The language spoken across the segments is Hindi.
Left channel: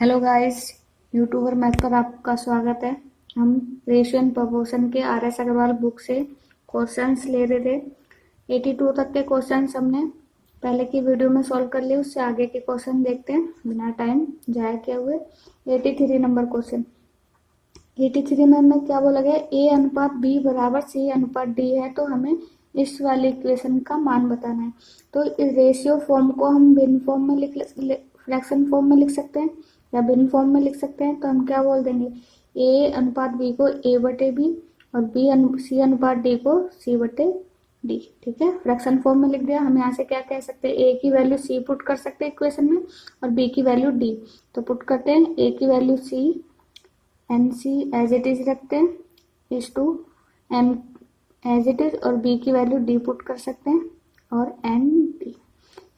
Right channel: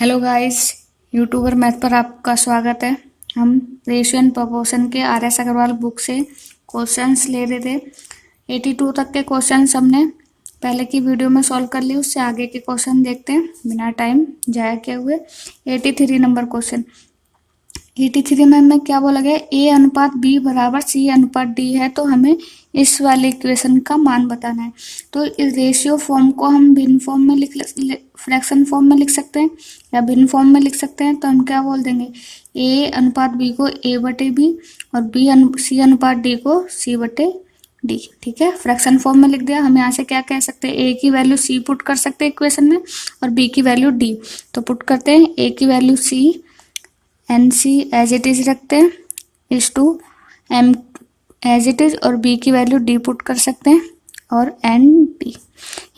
हेलो गाइस, यूट्यूबर मैथ पर आपका स्वागत है। हम रेशियो एंड प्रोपोर्शन के आर एस अग्रवाल बुक से क्वेश्चंस ले रहे थे। 82 तक के क्वेश्चंस हमने पहले की वीडियो में सॉल्व कर लिए। उससे आगे के क्वेश्चन देखते हैं बिना टाइम जाया किए हुए। 83 नंबर क्वेश्चन। 83 में हमें क्या बोला गया, ए अनुपात बी बराबर सी अनुपात डी है, तो हमें इस वाले इक्वेशन का मान बताना है। तो इस रेशियो फॉर्म को हम भिन्न फॉर्म में फ्रैक्शन फॉर्म में लिख सकते हैं या भिन्न फॉर्म में लिख सकते हैं। तो हम क्या बोल देंगे, ए अनुपात बी को ए बटे बी और सी अनुपात डी को सी बटे डी। ठीक है, फ्रैक्शन फॉर्म में लिख दिया। हम यहाँ से क्या कह सकते हैं, ए की वैल्यू सी पुट कर सकते हैं इक्वेशन में और बी की वैल्यू डी। तो पुट करते हैं, ए की value C N C as it is रखते हैं is to M as it is और बी की वैल्यू डी पुट कर सकते हैं और एन डी।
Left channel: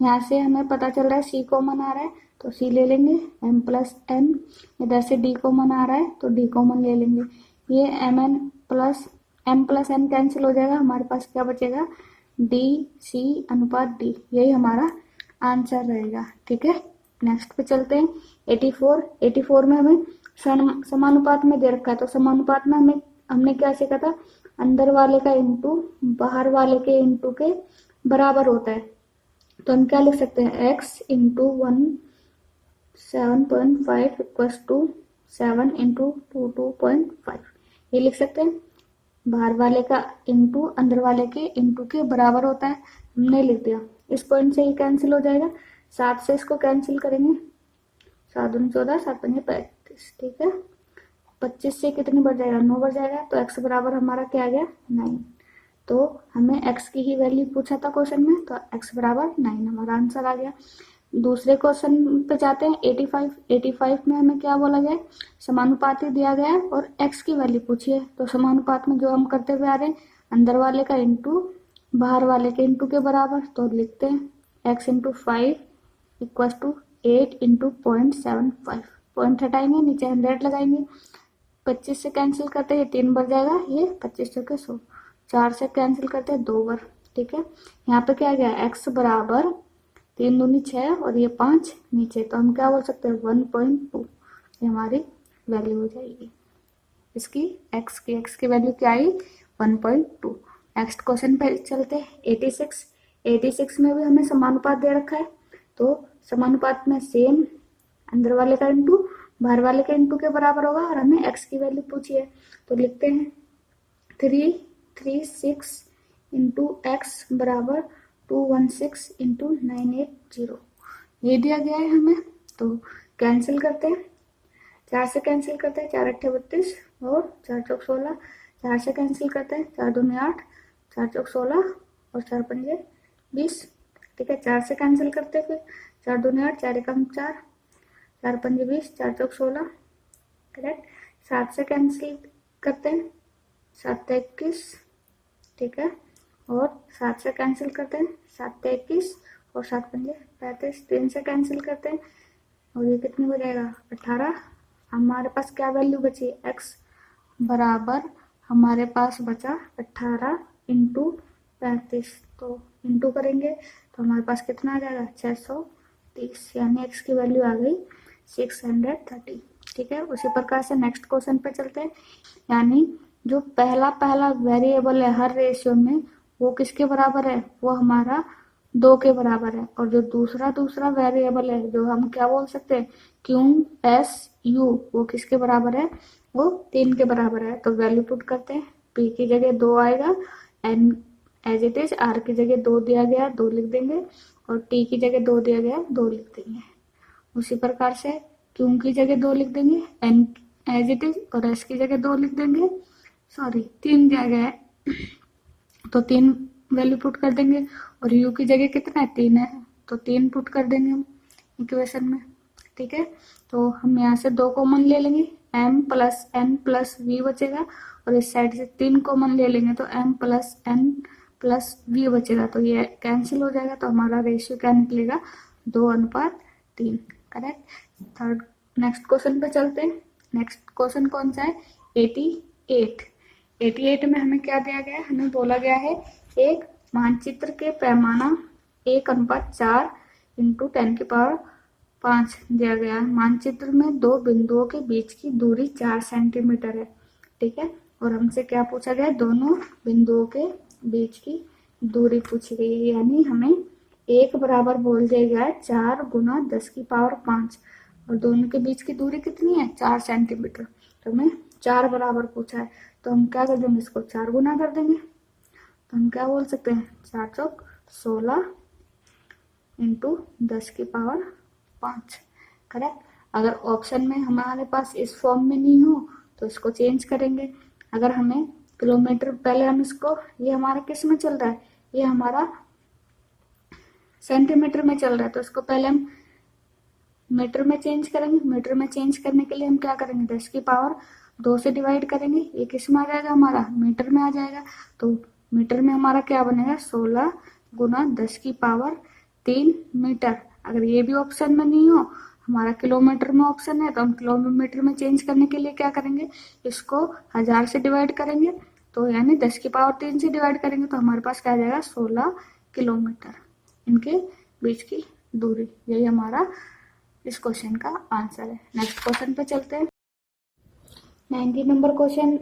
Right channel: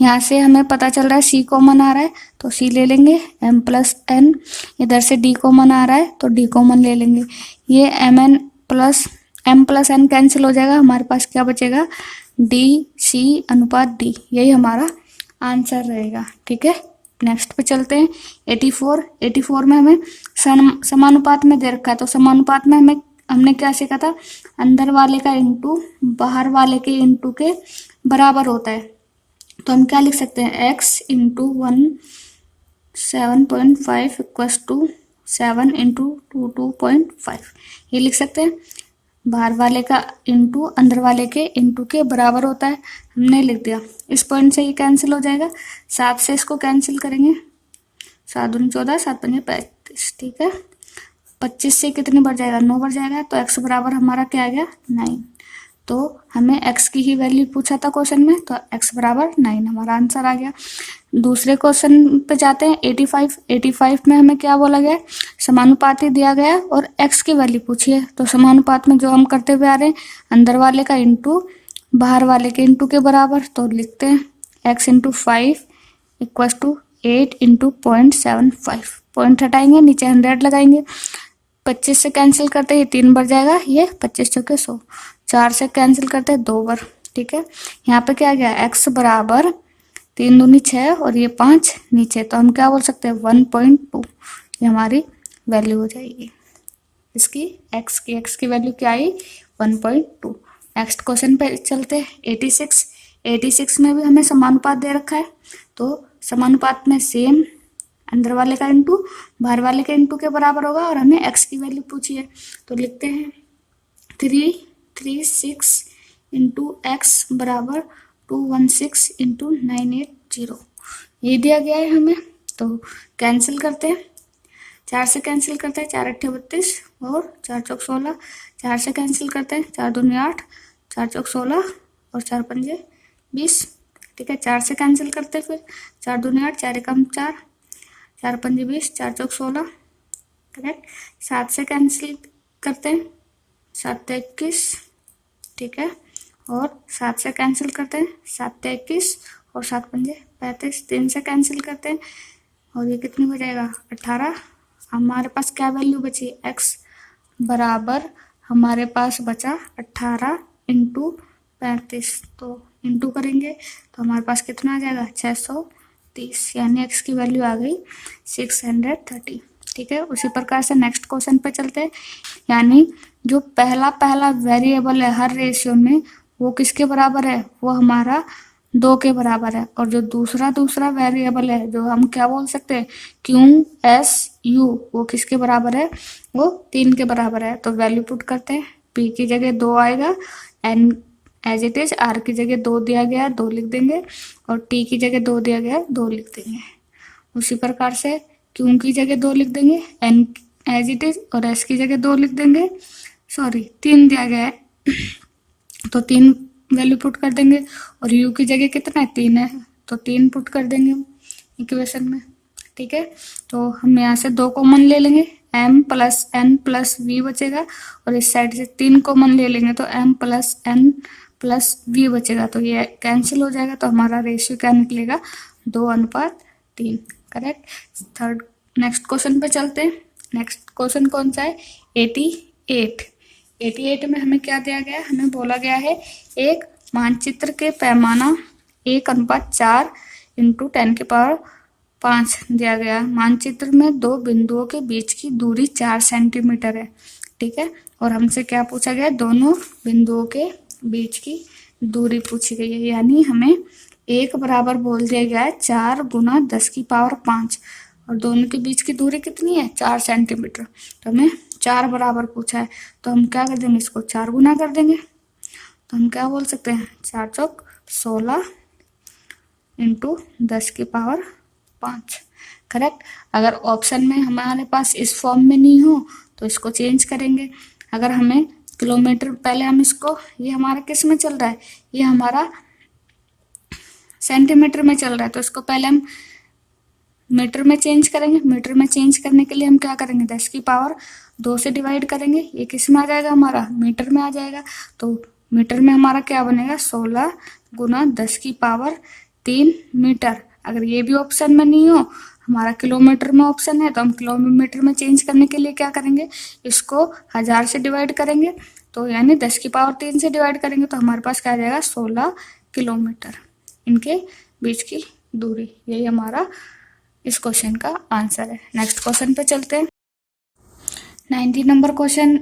यहाँ से हमें पता चल रहा है सी कॉमन आ रहा है तो सी ले लेंगे, एम प्लस एन। इधर से डी कॉमन आ रहा है तो डी कॉमन ले लेंगे। ये एम प्लस एन कैंसिल हो जाएगा। हमारे पास क्या बचेगा, डी सी अनुपात डी। यही हमारा आंसर रहेगा। ठीक है, नेक्स्ट पे चलते हैं। 84 में हमें समानुपात में दे रखा है। तो समानुपात में हमने क्या सीखा था, अंदर वाले का इंटू बाहर वाले के इंटू के बराबर होता है। तो हम क्या लिख सकते हैं, x into 7.5 equals to 7 into 2.5। ये लिख सकते हैं। बाहर वाले का इंटू अंदर वाले के इंटू के बराबर होता है, हमने लिख दिया। इस पॉइंट से ये कैंसिल हो जाएगा, 7 से इसको कैंसिल करेंगे, 7 दूनी 14, 7 पंजे 35। ठीक है, 25 से कितनी बढ़ जाएगा, 9 बढ़ जाएगा। तो x बराबर हमारा क्या आ गया, 9। तो हमें x की ही वैल्यू पूछा था क्वेश्चन में, तो x बराबर 9 हमारा आंसर आ गया। दूसरे क्वेश्चन पे जाते हैं। 85 में हमें क्या बोला गया, समानुपाती दिया गया और x की वैल्यू पूछी है। तो समानुपात में जो हम करते हुए आ रहे हैं, अंदर वाले का इंटू बाहर वाले के इंटू के बराबर। तो लिखते हैं x into 5 equals to 8 into 0.75। Point हटाएंगे, नीचे 100 लगाएंगे। 25 से कैंसिल करते ही 3 बढ़ जाएगा, ये 25 चौके 100। 4 से कैंसिल करते हैं 2 बार। ठीक है, यहाँ पे क्या गया, x बराबर 3 दूनी 6 और ये 5 नीचे। तो हम क्या बोल सकते हैं, 1.2 ये हमारी वैल्यू हो जाएगी इसकी। x की वैल्यू क्या आई, 1.2। नेक्स्ट क्वेश्चन पे चलते हैं। 86 में भी हमें समानुपात दे रखा है। तो समानुपात में सेम अंदर वाले का इंटू बाहर वाले के इंटू के बराबर होगा और हमें x की वैल्यू पूछी है। तो लिखते हैं 336 इंटू एक्स बराबर 216 इंटू 980। ये दिया गया है हमें। तो कैंसिल करते हैं, 4 से कैंसिल करते हैं, 4 अट्ठे 32 और 4 चौक 16। 4 से कैंसिल करते हैं, 4 दूनी 8, 4 चौक 16 और 4 पंजे 20। ठीक है, 4 से कैंसिल करते हैं, फिर 4 दूनी 8, 4 एकम 4, 4 पंजे 20, 4 चौक 16। करेक्ट। 7 से कैंसिल करते हैं, 7 21। ठीक है, और 7 से कैंसिल करते हैं, 7 21 और 7 पंजे 35। 3 से कैंसिल करते हैं और ये कितनी हो जाएगा, 18। हमारे पास क्या वैल्यू बची, x बराबर हमारे पास बचा 18 इंटू 35। तो इंटू करेंगे तो हमारे पास कितना आ जाएगा, 630। यानी x की वैल्यू आ गई 630। ठीक है, उसी प्रकार से नेक्स्ट क्वेश्चन पे चलते हैं। यानी जो पहला वेरिएबल है हर रेशियो में, वो किसके बराबर है, वो हमारा 2 के बराबर है। और जो दूसरा वेरिएबल है, जो हम क्या बोल सकते हैं, क्यू एस यू, वो किसके बराबर है, वो 3 के बराबर है। तो वैल्यू पुट करते हैं, p की जगह 2 आएगा, n as it is, r की जगह 2 दिया गया है 2 लिख देंगे और t की जगह 2 दिया गया है 2 लिख देंगे। उसी प्रकार से q की जगह 2 लिख देंगे, n एज इट इज और s की जगह 2 लिख देंगे। 3 दिया गया है तो 3 वैल्यू पुट कर देंगे और u की जगह कितना है, 3 है तो 3 पुट कर देंगे इक्वेशन में। ठीक है, तो हम यहाँ से 2 कॉमन ले लेंगे, m plus n plus v बचेगा और इस साइड से 3 कॉमन ले लेंगे तो m plus n plus v बचेगा। तो ये कैंसिल हो जाएगा। तो हमारा रेशियो क्या निकलेगा, 2:3। करेक्ट। थर्ड नेक्स्ट क्वेश्चन पे चलते हैं। नेक्स्ट क्वेश्चन कौन सा है, 88 में हमें क्या दिया गया है, हमें बोला गया है एक मानचित्र के पैमाना 1:4 इंटू 10 की पावर 5 दिया गया। मानचित्र में दो बिंदुओं के बीच की दूरी 4 सेंटीमीटर है, ठीक है। और हमसे क्या पूछा गया, दोनों बिंदुओं के बीच की दूरी पूछी गई है, यानी हमें एक बराबर बोल दिया गया है 4 × 10⁵ और दोनों के बीच की दूरी कितनी है, 4 सेंटीमीटर। तो हमें 4 बराबर पूछा है, तो हम क्या कर देंगे, इसको 4 गुना कर देंगे। तो हम क्या बोल सकते हैं, 4 चौक 16 × 10⁵ करेक्ट। अगर ऑप्शन में हमारे पास इस फॉर्म में नहीं हो तो इसको चेंज करेंगे। अगर हमें किलोमीटर, पहले हम इसको, ये हमारा किस में चल रहा है, ये हमारा सेंटीमीटर में चल रहा है, तो इसको पहले हम मीटर में चेंज करेंगे। मीटर में चेंज करने के लिए हम क्या करेंगे, 10⁻2 से डिवाइड करेंगे। ये किस में आ जाएगा, हमारा मीटर में आ जाएगा। तो मीटर में हमारा क्या बनेगा, 16 × 10⁻3 मीटर। अगर ये भी ऑप्शन में नहीं हो, हमारा किलोमीटर में ऑप्शन है, तो हम किलोमीटर में चेंज करने के लिए क्या करेंगे, इसको 1000 से डिवाइड करेंगे। तो यानी 10⁻3 से डिवाइड करेंगे तो हमारे पास क्या आ जाएगा, 16 किलोमीटर। इनके बीच की दूरी, यही हमारा इस क्वेश्चन का आंसर है। नेक्स्ट क्वेश्चन पे चलते हैं। 90 नंबर क्वेश्चन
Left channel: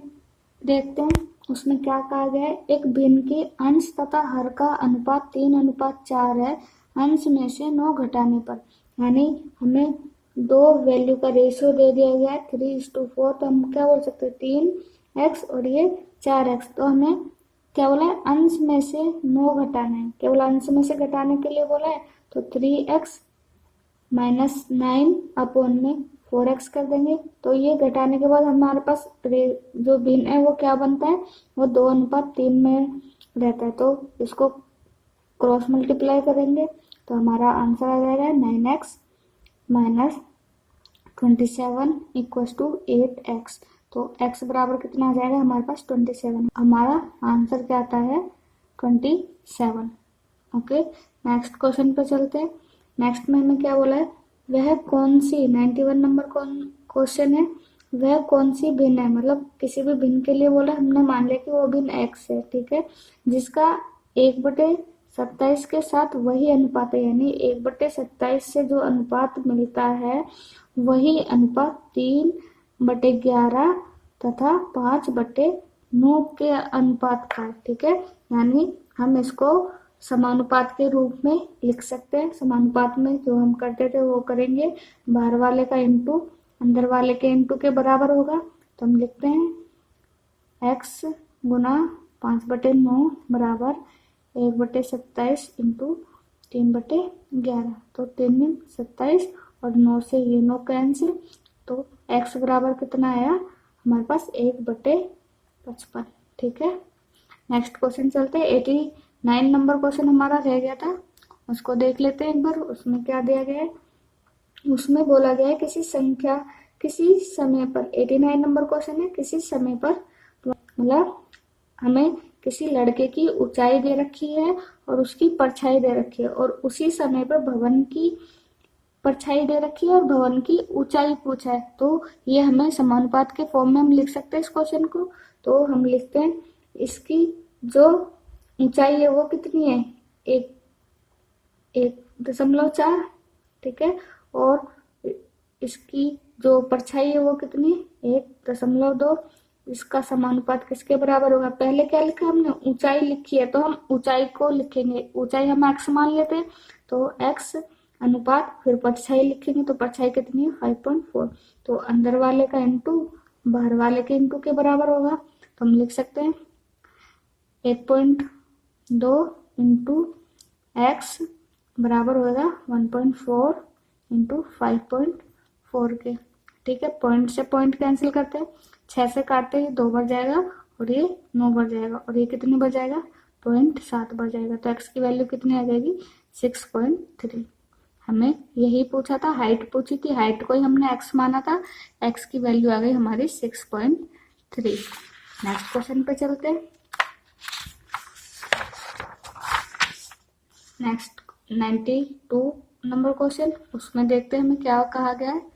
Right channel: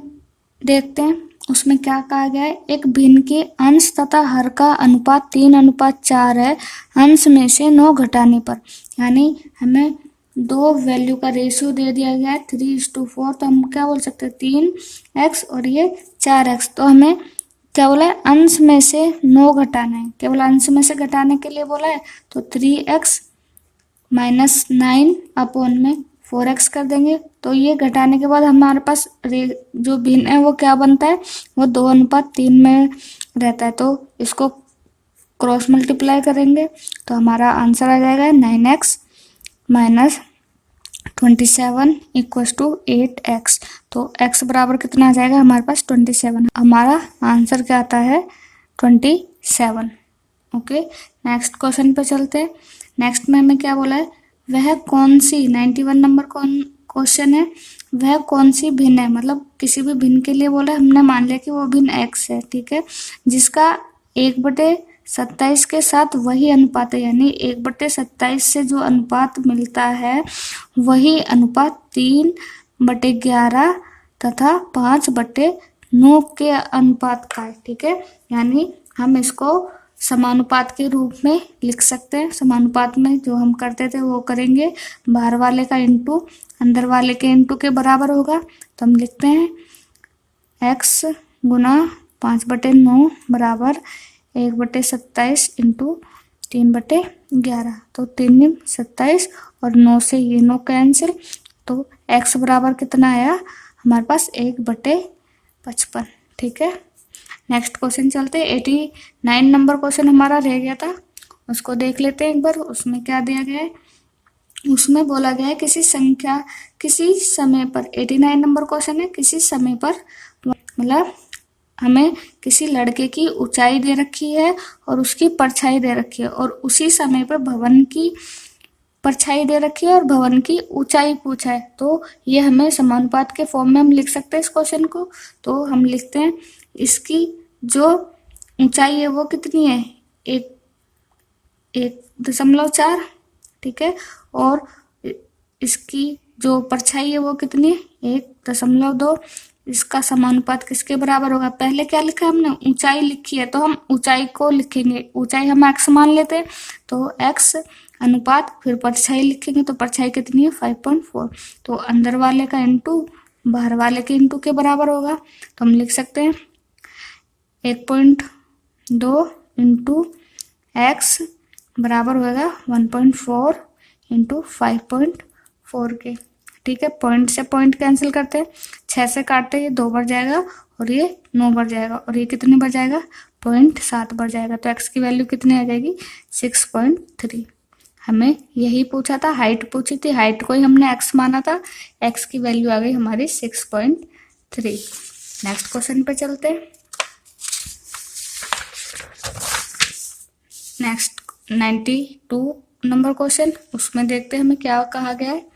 देखते हैं। उसमें क्या कहा गया है, एक भिन्न के अंश तथा हर का अनुपात 3:4 है, अंश में से 9 घटाने पर। यानी हमें दो वैल्यू का रेशियो दे दिया गया है 3:4, तो हम क्या बोल सकते हैं, 3x और ये 4x। तो हमें क्या बोला है, अंश में से 9 घटाना है, केवल अंश में से घटाने के लिए बोला है। तो 3x - 9 अपॉन में 4x कर देंगे। तो ये घटाने के बाद हमारे पास जो भिन्न है वो क्या बनता है, वो 2:3 में रहता है। तो इसको क्रॉस मल्टीप्लाई करेंगे तो हमारा आंसर आ जाएगा 9x - 27 = 8x। तो x बराबर कितना आ जाएगा, हमारे पास 27। हमारा आंसर क्या आता है, 27। ओके, नेक्स्ट क्वेश्चन पे चलते हैं। नेक्स्ट में हमें क्या बोला है, वह कौन सी, 91 नंबर क्वेश्चन है, वह कौन सी भिन्न है, मतलब किसी भी भिन्न के लिए बोला, हमने मान लिया कि वो भिन्न x है, ठीक है, जिसका 1/27 के साथ वही अनुपात है। यानी 1/27 से जो अनुपात मिलता है वही अनुपात 3/11 तथा 5/9 के अनुपात का है, ठीक है। यानी हम इसको समानुपात के रूप में लिख सकते हैं। समानुपात में जो हम करते थे वो करेंगे, बाहर वाले का इंटू अंदर वाले के इंटू के बराबर होगा। तो हम लिखते हैं x × 5/9 बराबर 1/27 इंटू 3/11। तो 3 × 27 और 9 से ये 9 कैंसिल, तो x बराबर कितना आया, हमारे पास 1/55, ठीक है। नेक्स्ट क्वेश्चन चलते हैं। 89 नंबर क्वेश्चन हमारा रह गया था, उसको देख लेते हैं एक बार। उसमें क्या दिया गया है, उसमें बोला गया है किसी समय पर, 89 नंबर क्वेश्चन है, किसी समय पर, मतलब हमें किसी लड़के की ऊंचाई दे रखी है और उसकी परछाई दे रखी है, और उसी समय पर भवन की परछाई दे रखी है और भवन की ऊंचाई पूछा है। तो ये हमें समानुपात के फॉर्म में हम लिख सकते हैं इस क्वेश्चन को। तो हम लिखते हैं, इसकी जो ऊंचाई है वो कितनी है, 1.4, ठीक है, और इसकी जो परछाई है वो कितनी है, 1.2। इसका समानुपात किसके बराबर होगा, पहले क्या लिखा है हमने, ऊंचाई लिखी है, तो हम ऊंचाई को लिखेंगे। ऊंचाई हम x मान लेते हैं, तो x अनुपात फिर परछाई लिखेंगे, तो परछाई कितनी है, 5.4। तो अंदर वाले का इंटू बाहर वाले के इंटू के बराबर होगा। तो हम लिख सकते हैं 1.2 इंटू x बराबर होगा 1.4 इंटू 5.4 के, ठीक है। पॉइंट से पॉइंट कैंसिल करते हैं, 6 से काटते हैं, ये 2 बढ़ जाएगा और ये 9 बढ़ जाएगा, और ये कितने बढ़ जाएगा, 0.7 बढ़ जाएगा। तो x की वैल्यू कितनी आ जाएगी, 6.3। हमें यही पूछा था, हाइट पूछी थी, हाइट को ही हमने x माना था, x की वैल्यू आ गई हमारी 6.3। नेक्स्ट क्वेश्चन पे चलते हैं। नेक्स्ट 92 नंबर क्वेश्चन, उसमें देखते हैं हमें क्या कहा गया है।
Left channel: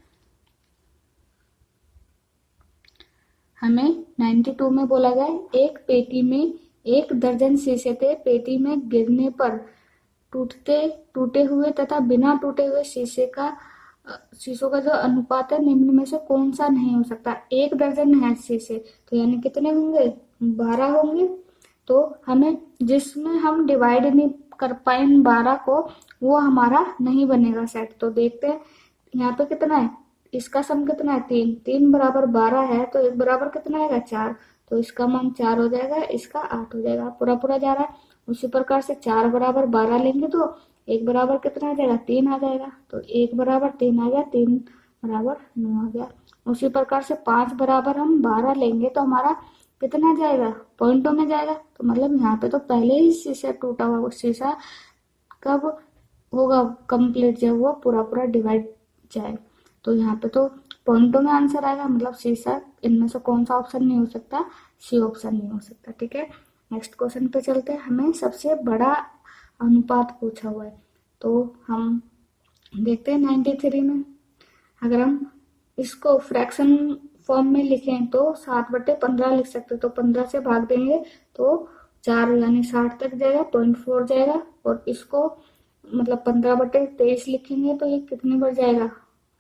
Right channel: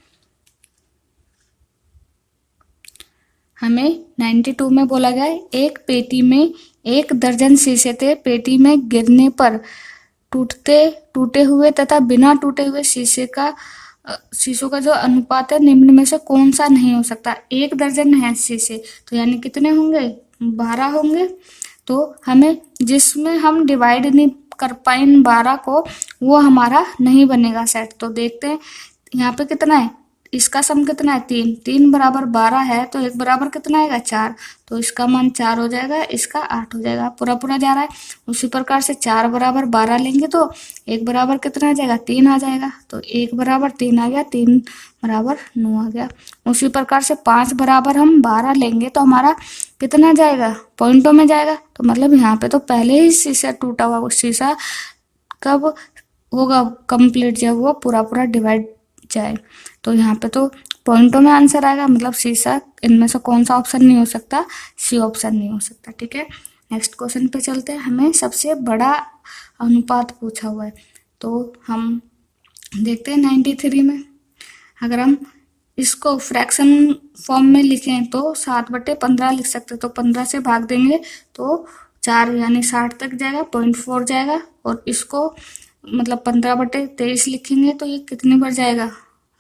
हमें 92 में बोला गया है, एक पेटी में 1 दर्जन शीशे थे, पेटी में गिरने पर टूटे हुए तथा बिना टूटे हुए शीशे का शीशों का जो अनुपात है निम्न में से कौन सा नहीं हो सकता। 1 दर्जन है शीशे, तो यानी कितने होंगे, 12 होंगे। तो हमें जिसमें हम डिवाइड नहीं कर पाए इन 12 को, वो हमारा नहीं बनेगा सेट। तो देखते हैं यहाँ पे कितना है, इसका सम कितना है 3, 3 बराबर 12 है, तो 1 बराबर कितना आएगा 4, तो इसका मान 4 हो जाएगा, इसका 8 हो जाएगा, पूरा पूरा जा रहा है। उसी प्रकार से 4 बराबर 12 लेंगे तो 1 बराबर कितना आ जाएगा 3 आ जाएगा, तो 1 बराबर 3 आ गया, 3 बराबर 9 आ गया। उसी प्रकार से 5 बराबर हम 12 लेंगे तो हमारा कितना जाएगा, पॉइंटों में जाएगा। तो मतलब यहाँ पे तो पहले ही शीशा टूटा हुआ, शीशा कब होगा कंप्लीट, जब वो पूरा पूरा डिवाइड जाए। तो यहाँ पे तो पॉइंटों में आंसर आएगा, मतलब शीशा इनमें से कौन सा ऑप्शन नहीं हो सकता, सी ऑप्शन नहीं हो सकता। ठीक है, नेक्स्ट क्वेश्चन पे चलते हैं। हमें सबसे बड़ा अनुपात पूछा हुआ है, तो हम देखते हैं 93 में। अगर हम इसको फ्रैक्शन फॉर्म में लिखें तो 7/15 लिख सकते, तो 15 से भाग देंगे तो 4 यानी 60 तक जाएगा, 0.4 जाएगा। और इसको मतलब 15/23 लिखेंगे तो ये कितनी बार जाएगा,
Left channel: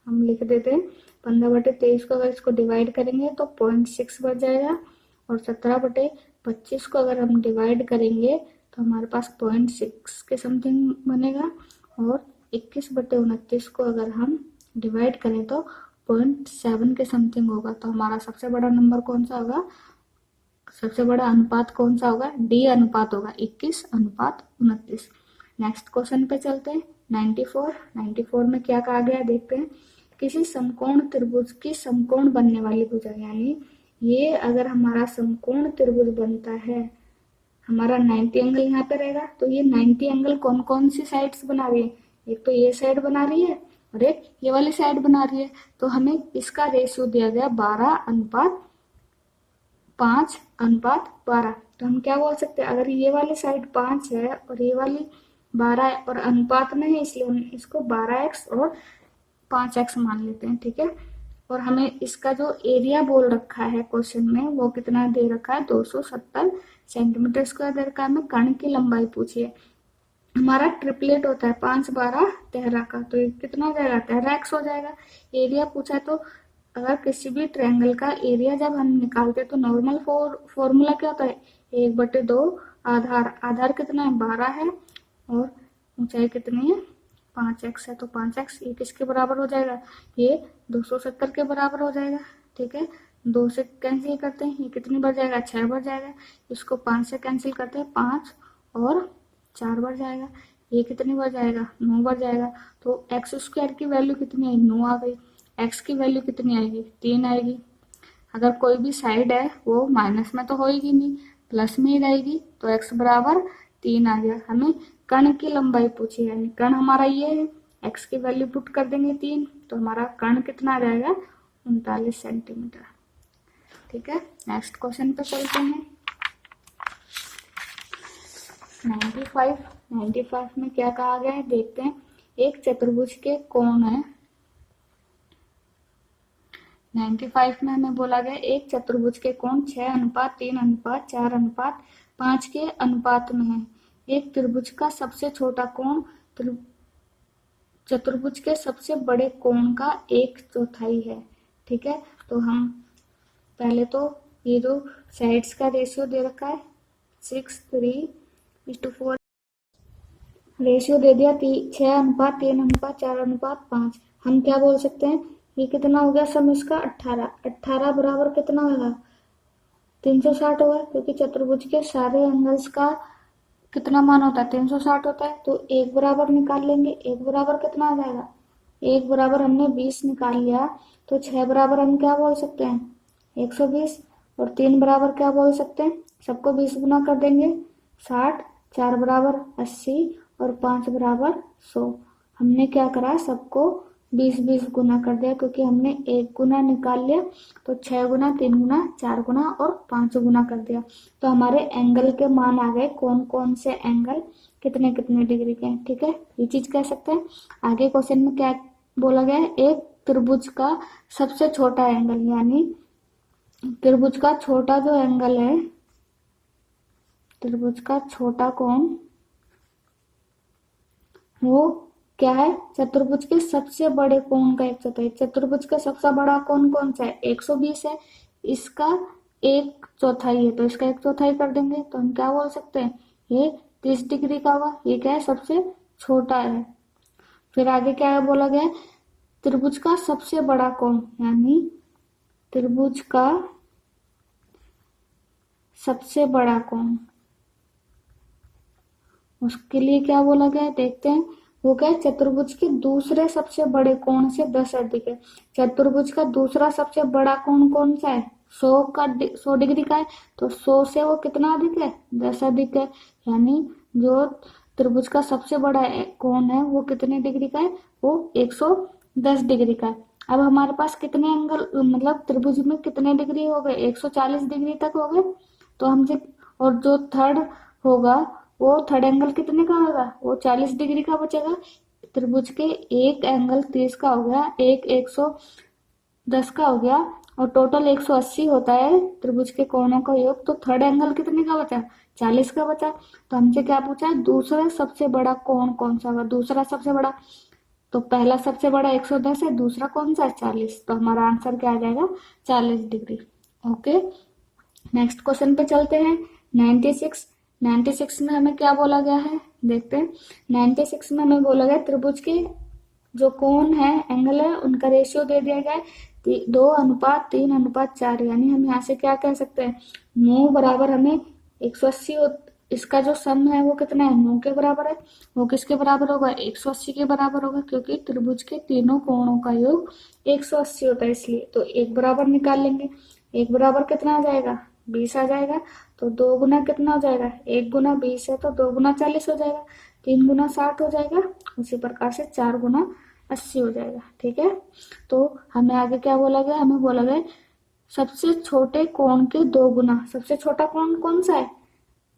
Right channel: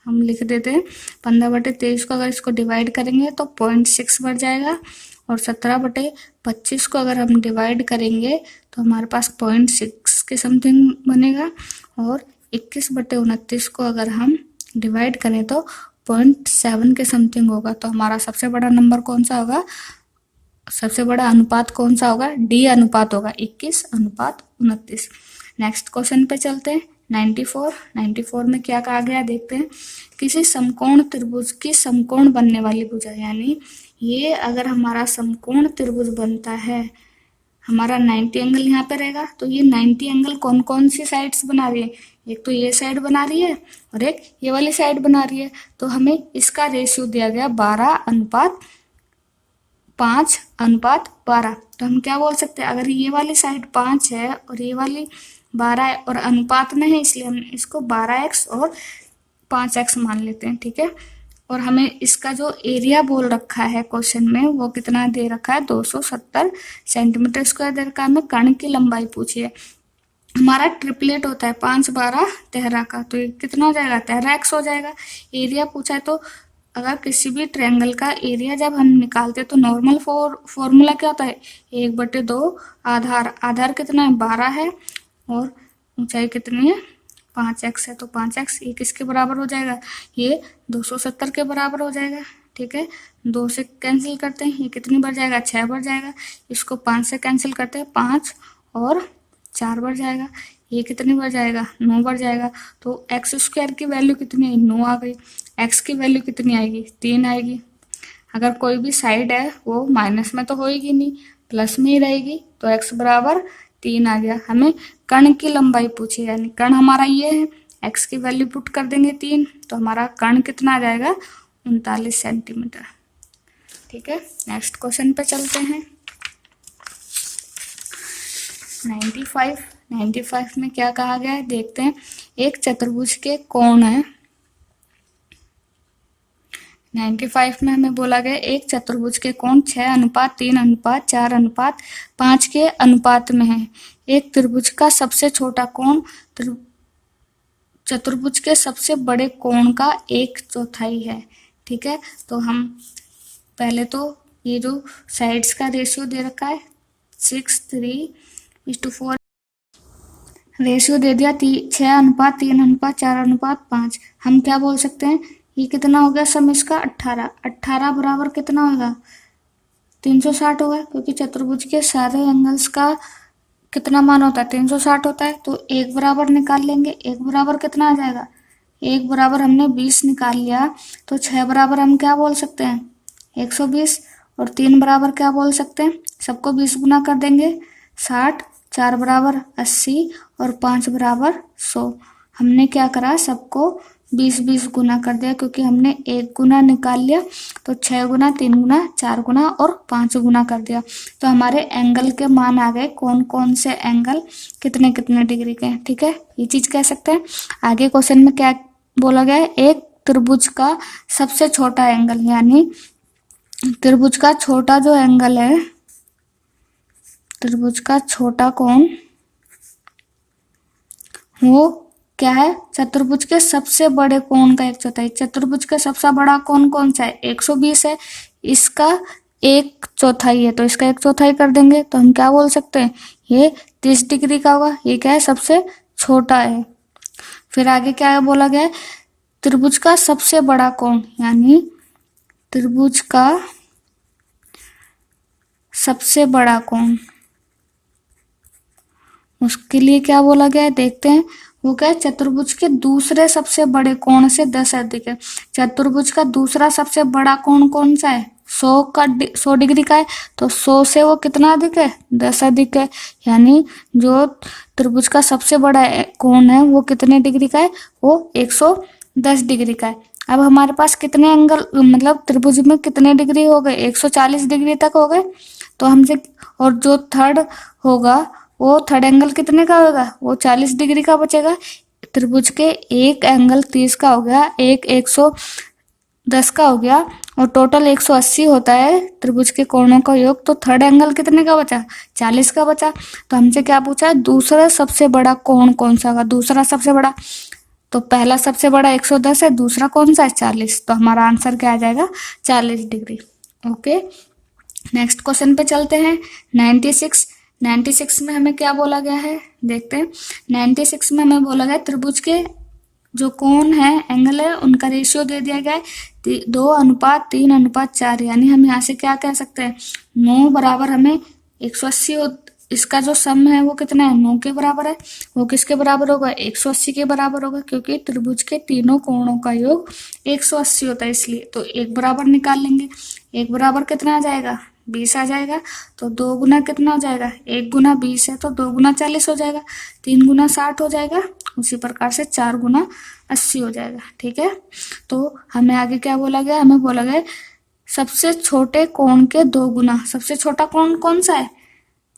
हम लिख देते हैं 15/23 को अगर इसको डिवाइड करेंगे तो 0.6 बार जाएगा। और 17/25 को अगर हम डिवाइड करेंगे तो हमारे पास 0.6 के समथिंग बनेगा। और 21/29 को अगर हम डिवाइड करें तो 0.7 के समथिंग होगा। तो हमारा सबसे बड़ा नंबर कौन सा होगा, सबसे बड़ा अनुपात कौन सा होगा, डी अनुपात होगा, 21/29। नेक्स्ट क्वेश्चन पे चलते हैं। 94 में क्या कहा गया देखते हैं। किसी समकोण त्रिभुज की समकोण बनने वाली भुजा, यानी ये अगर हमारा समकोण त्रिभुज बनता है, हमारा 90 एंगल यहाँ पे रहेगा, तो ये 90 एंगल कौन कौन सी साइड्स बना रही है, एक तो ये साइड बना रही है और एक ये वाली साइड बना रही है। तो हमें इसका रेशियो दिया गया 12:5:12। तो हम क्या बोल सकते हैं, अगर ये वाली साइड 5 है और ये वाली 12 है और अनुपात में है, इसलिए हम इसको 12x और 5x मान लेते हैं। ठीक है, और हमें इसका जो एरिया बोल रखा है क्वेश्चन में वो कितना दे रखा है, 270 सेंटीमीटर स्क्वायर दे रखा है। हमें कर्ण की लंबाई पूछी है, हमारा ट्रिपलेट होता है 5 12 13 का, तो ये कितना हो जाएगा 13x हो जाएगा। एरिया पूछा है, तो अगर किसी भी ट्रायंगल का एरिया जब हम निकालते हैं तो नॉर्मल फॉर्मूला क्या होता है, 1/2 आधार, आधार कितना है 12 है और ऊंचाई कितनी है 5x है, तो 5x ये किसके बराबर हो जाएगा, ये 270 के बराबर हो जाएगा। ठीक है, 2 से कैंसिल करते हैं, ये कितनी बार जाएगा 6 बार जाएगा। इसको 5 से कैंसिल करते हैं, 5 और 4 बार जाएगा। ये कितनी बार जाएगा 9 बार जाएगा। तो x² की वैल्यू कितनी है 9 आ गई, x की वैल्यू कितनी आएगी 3 आएगी। अगर कोई भी साइड है वो माइनस में तो होएगी नहीं, प्लस में ही रहेगी, तो x बराबर 3 आ गया। हमें कर्ण की लंबाई पूछी, यानी कर्ण हमारा ये है, x की वैल्यू पुट कर देंगे 3, तो हमारा कर्ण कितना आ जाएगा 39 सेंटीमीटर। ठीक है, नेक्स्ट क्वेश्चन पे चलते हैं। 95 में क्या कहा गया है देखते हैं। एक चतुर्भुज के कोण है, 95 में हमें बोला गया एक चतुर्भुज के कोण 6:3:4:5 के अनुपात में है। एक त्रिभुज का सबसे छोटा कोण चतुर्भुज के सबसे बड़े कोण का 1/4 है। ठीक है, तो हम पहले तो ये जो साइड्स का रेशियो दे रखा है 6:3:4 रेशियो दे दिया, 6:3:4:5। हम क्या बोल सकते हैं, ये कितना हो गया सम इसका 18, 18 बराबर कितना होगा 360 होगा, क्योंकि चतुर्भुज के सारे एंगल्स का कितना मान होता है 360 होता है। तो 1 बराबर निकाल लेंगे, 1 बराबर कितना आ जाएगा, 1 बराबर हमने 20 निकाल लिया, तो 6 बराबर हम क्या बोल सकते हैं 120, और 3 बराबर क्या बोल सकते हैं, सबको 20 गुना कर देंगे 60, 4 बराबर 80 और 5 बराबर 100। हमने क्या करा, सबको 20-20 गुना कर दिया, क्योंकि हमने 1 गुना निकाल लिया, तो 6 गुना 3 गुना 4 गुना और 5 गुना कर दिया। तो हमारे एंगल के मान आ गए, कौन कौन से एंगल कितने कितने डिग्री के हैं। ठीक है, ये चीज कह सकते हैं। आगे क्वेश्चन में क्या बोला गया है, एक त्रिभुज का सबसे छोटा एंगल, यानी त्रिभुज का छोटा जो एंगल है, त्रिभुज का छोटा कोण वो क्या है, चतुर्भुज के सबसे बड़े कोण का 1/4। चतुर्भुज का सबसे बड़ा कोण कौन सा है, 120 है, इसका 1/4 है, तो इसका 1/4 कर देंगे तो हम क्या बोल सकते हैं, ये 30 डिग्री का होगा। ये क्या है, सबसे छोटा है। फिर आगे क्या बोला गया है, त्रिभुज का सबसे बड़ा कोण, यानी त्रिभुज का सबसे बड़ा कोण, उसके लिए क्या बोला गया है, देखते हैं। वो क्या है, चतुर्भुज के दूसरे सबसे बड़े कोण से 10 अधिक है। चतुर्भुज का दूसरा सबसे बड़ा कोण कौन सा है, 100 डिग्री का है, तो 100 से वो कितना अधिक है, 10 अधिक है। यानी जो त्रिभुज का सबसे बड़ा कोण है वो कितने डिग्री का है, वो 110 डिग्री का है। अब हमारे पास कितने एंगल, मतलब त्रिभुज में कितने डिग्री हो गए, 140 डिग्री तक हो गए। तो हमसे, और जो थर्ड होगा वो थर्ड एंगल कितने का होगा, वो 40 डिग्री का बचेगा। त्रिभुज के एक एंगल 30 का हो गया, एक 110 का हो गया, और टोटल 180 होता है त्रिभुज के कोणों का योग। तो थर्ड एंगल कितने का बचा, 40 का बचा। तो हमसे क्या पूछा है, दूसरा सबसे बड़ा कोण कौन सा होगा, दूसरा सबसे बड़ा, तो पहला सबसे बड़ा 110 है, दूसरा कौन सा है, 40। तो हमारा आंसर क्या आ जाएगा, 40 डिग्री। ओके, नेक्स्ट क्वेश्चन पे चलते हैं। 96 में हमें क्या बोला गया है, देखते हैं। 96 में हमें बोला गया त्रिभुज के जो कोण है, एंगल है, उनका रेशियो दे दिया गया है 2:3:4। यानी हम यहाँ से क्या कह सकते हैं, 9 बराबर हमें 180, इसका जो सम है वो कितना है, 9 के बराबर है। वो किसके बराबर होगा, 180 के बराबर होगा, क्योंकि त्रिभुज के तीनों कोणों का योग 180 होता है, इसलिए। तो एक बराबर निकाल लेंगे, एक बराबर कितना आ जाएगा, 20 आ जाएगा। तो 2 गुना कितना हो जाएगा, 1 गुना 20 है तो 2 गुना 40 हो जाएगा, 3 गुना 60 हो जाएगा, उसी प्रकार से 4 गुना 80 हो जाएगा। ठीक है, तो हमें आगे क्या बोला गया, हमें बोला गया सबसे छोटे कोण के 2 गुना। सबसे छोटा कोण कौन सा है,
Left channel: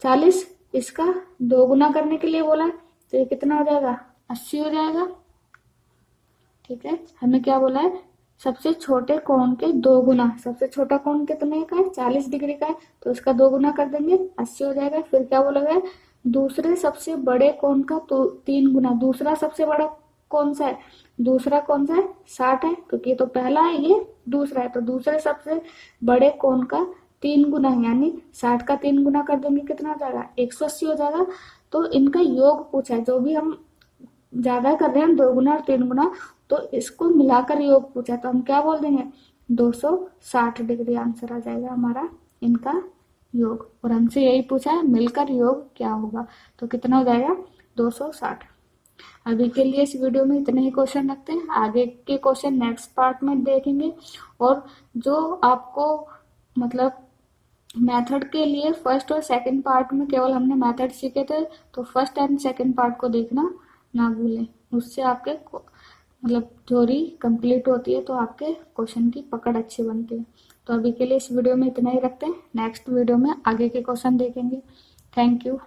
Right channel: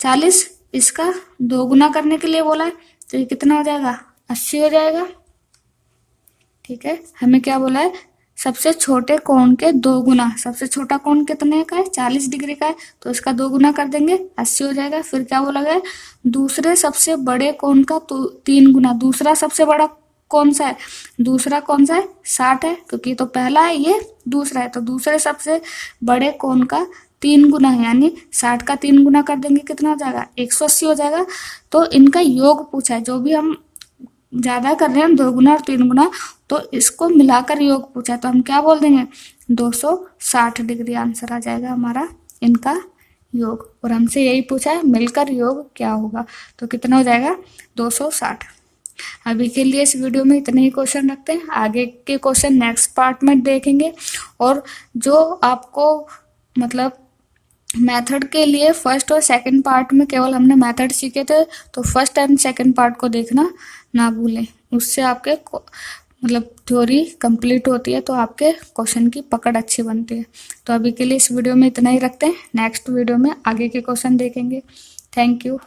40, इसका 2 गुना करने के लिए बोला है, तो ये कितना हो जाएगा, 80 हो जाएगा। ठीक है, हमें क्या बोला है, सबसे छोटे कोण के 2 गुना। सबसे छोटा कोण कितने का है, 40 डिग्री का है, तो इसका 2 गुना कर देंगे, 80 हो जाएगा। फिर क्या बोला गया, दूसरे सबसे बड़े कोण का तो 3 गुना। दूसरा सबसे बड़ा कौन सा है, दूसरा कौन सा है, 60 है, क्योंकि तो पहला है, ये दूसरा है, तो दूसरे सबसे बड़े कोण का 3 गुना है, यानी 60 का 3 गुना कर देंगे, कितना हो जाएगा, 180 हो जाएगा। तो इनका योग पूछा है, जो भी हम ज्यादा कर रहे हैं 2 गुना और 3 गुना, तो इसको मिलाकर योग पूछा, तो हम क्या बोल देंगे, 260 डिग्री आंसर आ जाएगा हमारा इनका योग। और हमसे यही पूछा है मिलकर योग क्या होगा, तो कितना हो जाएगा, 260। अभी के लिए इस वीडियो में इतने ही क्वेश्चन रखते हैं, आगे के क्वेश्चन नेक्स्ट पार्ट में देखेंगे। और जो आपको मतलब मेथड के लिए फर्स्ट और सेकंड पार्ट में केवल हमने मेथड सीखे थे, तो फर्स्ट एंड सेकंड पार्ट को देखना ना भूलें, उससे आपके मतलब थ्योरी कंप्लीट होती है, तो आपके क्वेश्चन की पकड़ अच्छी बनती है। तो अभी के लिए इस वीडियो में इतना ही रखते हैं, नेक्स्ट वीडियो में आगे के क्वेश्चन देखेंगे। Thank you.